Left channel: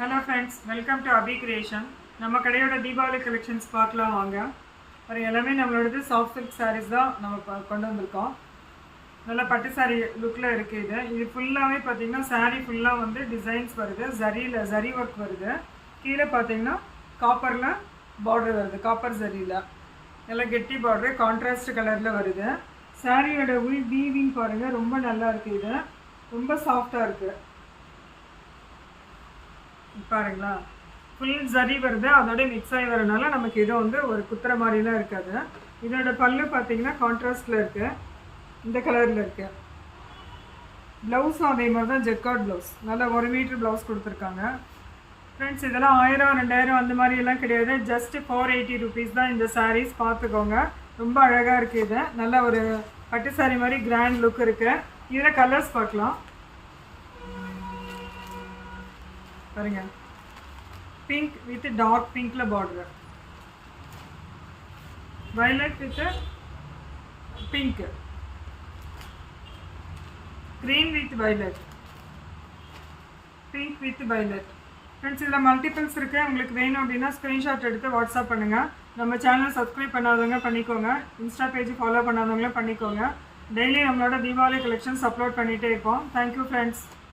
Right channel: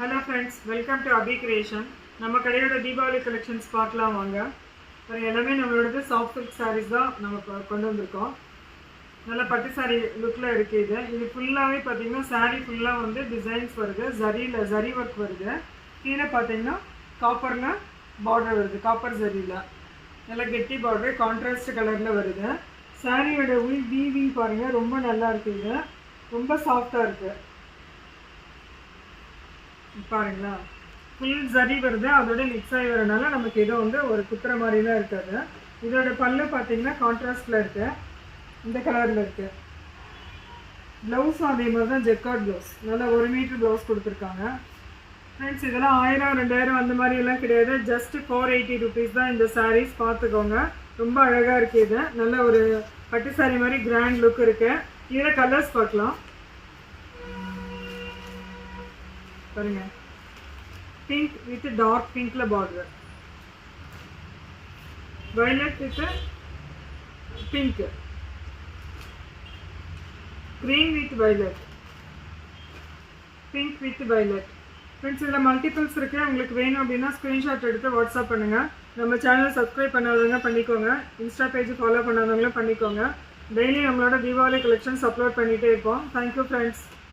Hello friends, welcome to Abhi Creation. நம்ம கடையோட Deepavali collections பார்க்கலாம் வாங்க. எல்லாமே நம்மளோட சாஃப்ட் சில்க் sarees தான் நம்ம கொண்டு வந்திருக்கோம். நல்ல பட்டு saree லுக்ல இருக்கு இது. இது ஃபுல்லாவே பாத்தீங்கன்னா saree ஃபுல்லா வந்து டிசைன்ஸ் வருது. ஜரி வர்க் வருது. கீழ பாத்தீங்கன்னா காப்பர்ல border வருது. காப்பர் ஜரியில. நல்ல கெட்டி border கான்ட்ராஸ்ட் கலர்ல வருது. சாரியோட வீவிங் பாருங்க ரொம்ப நல்லா இருக்கு இது. ரொம்ப சாஃப்ட்டா இருக்கு. பாருங்களா ஃபுல் ஜரி வருது அதோட மிக்ஸ் ஆகி வரனால நமக்கு இது வந்து ஒரு குத்துற மாதிரிலாம் இருக்காது. இதோட பல்லு பார்த்தீங்கன்னா கான்ட்ராஸ்டில் இருக்குது, இந்த கலரில் இருக்குது. ப்ளவுஸும் அதே மாதிரி தான் ஜெக்கார்ட் ப்ளவுஸ், நல்லா 1 மீட்டர் ப்ளவுஸ் கொடுத்துருக்காங்க. ஃப்ரெண்ட்ஸ் இதெல்லாம் 1000 2000 அந்த மாதிரியெல்லாம் கிடையாது, ஜஸ்ட் 480 rupees தான் இந்த சாரீஸ். பார்த்துக்கோங்க, ரொம்ப அழகாக இருக்குது. இது நல்ல ஒரு பட்டு சாரீ மாதிரி கிராண்ட் லுக் இருக்குது. இதில் கலர்ஸ் பார்க்கலாம் பாருங்க. பிங்க் வித் டார்க் பிங்க்ல border, violet with pink, green with violet, pink with violet. Friends இதில் மல்டிபிள்ஸ் இருக்குது. உங்களுக்கு வேணும் அப்படின்னா ஸ்க்ரீன்ஷாட் எடுத்து வாட்ஸ்அப் பண்ணுங்கள். நம்ம சேனலை சப்ஸ்கிரைப் பண்ணாதவங்க பண்ணிக்கோங்க, இன்ஸ்டா பேஜ் ஃபாலோ பண்ணாதவங்களும் பண்ணிக்கோங்க. டெய்லி நம்மளோட தீபாவளி கலெக்ஷன்ஸ் அப்லோட் பண்ணிகிட்டே இருப்போம். Thank you friends.